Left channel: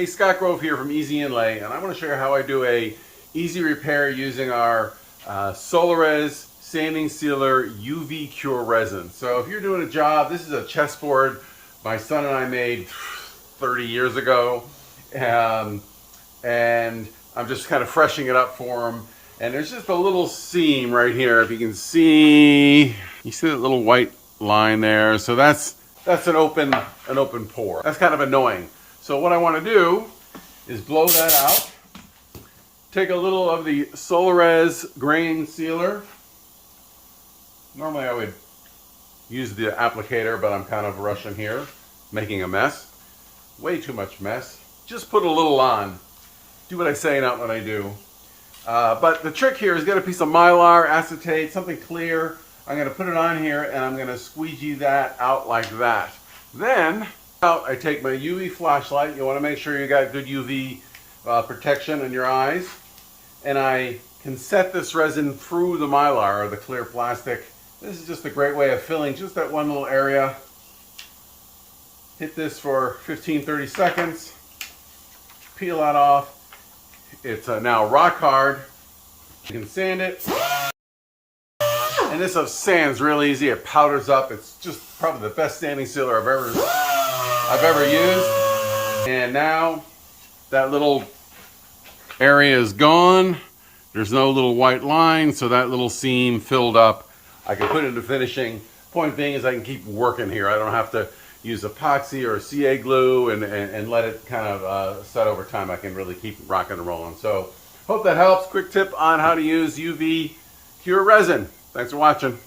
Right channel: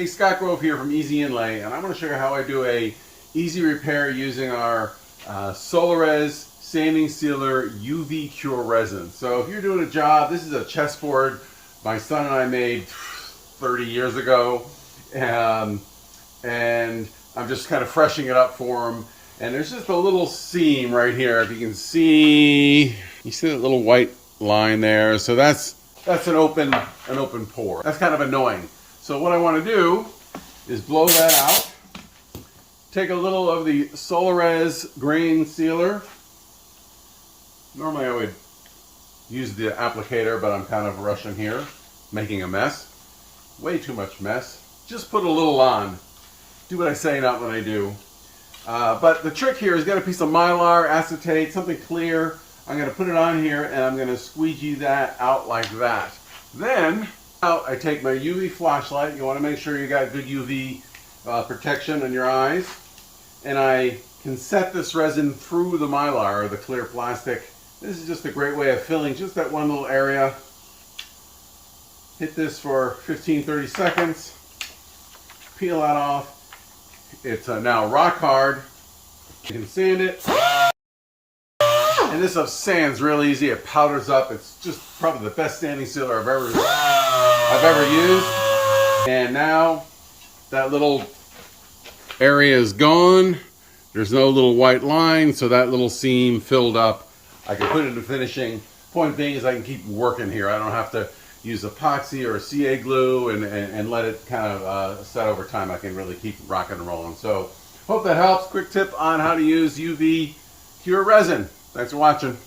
Hey, Scott Grove here from Easy Inlay, and I want to show you how I do a easy repair using our Solarez Sanding Sealer UV Cure resin. So if you're doing a job, this is a chessboard my son and I made 30 years ago, and I'm just kind of freshening it up for him. And there's just a little seam right here. If you can see, you see that little white line there. So that's an open pore. That's kind of annoying. So what I want to do is blow that out. Take a little of the Solarez grain sealer. Normally I would use the applicator, but I'm kind of rushing here, making a mess. Way too much mess. Just put a little on. Do what I say, not what I do. But the trick here is get a piece of Mylar, acetate, something clear. I'm going to put it on here and I'm going to squeegee that out like that. Then I take my UV flashlight. You want to make sure you got good UV protection on your eyes. And I can set this resin through the Mylar, or the clear plastic. This is just a great way of filling just that one little area. Hit this for 15-30 seconds. Peel that off. It's now rock hard. You can sand it. And this stuff sands real easy. It powders up. It's just probably the best sanding sealer I've ever used. And now that little area is gone. There's no little white line, so that little seam filled up. I can put it into finishing. Point being is I can keep working here. I don't have to use epoxy or CA glue and let it kind of set over time. I can really keep rocking and rolling. So hope that helps. Quick tip on how to use UV Cure resin. Thanks for watching.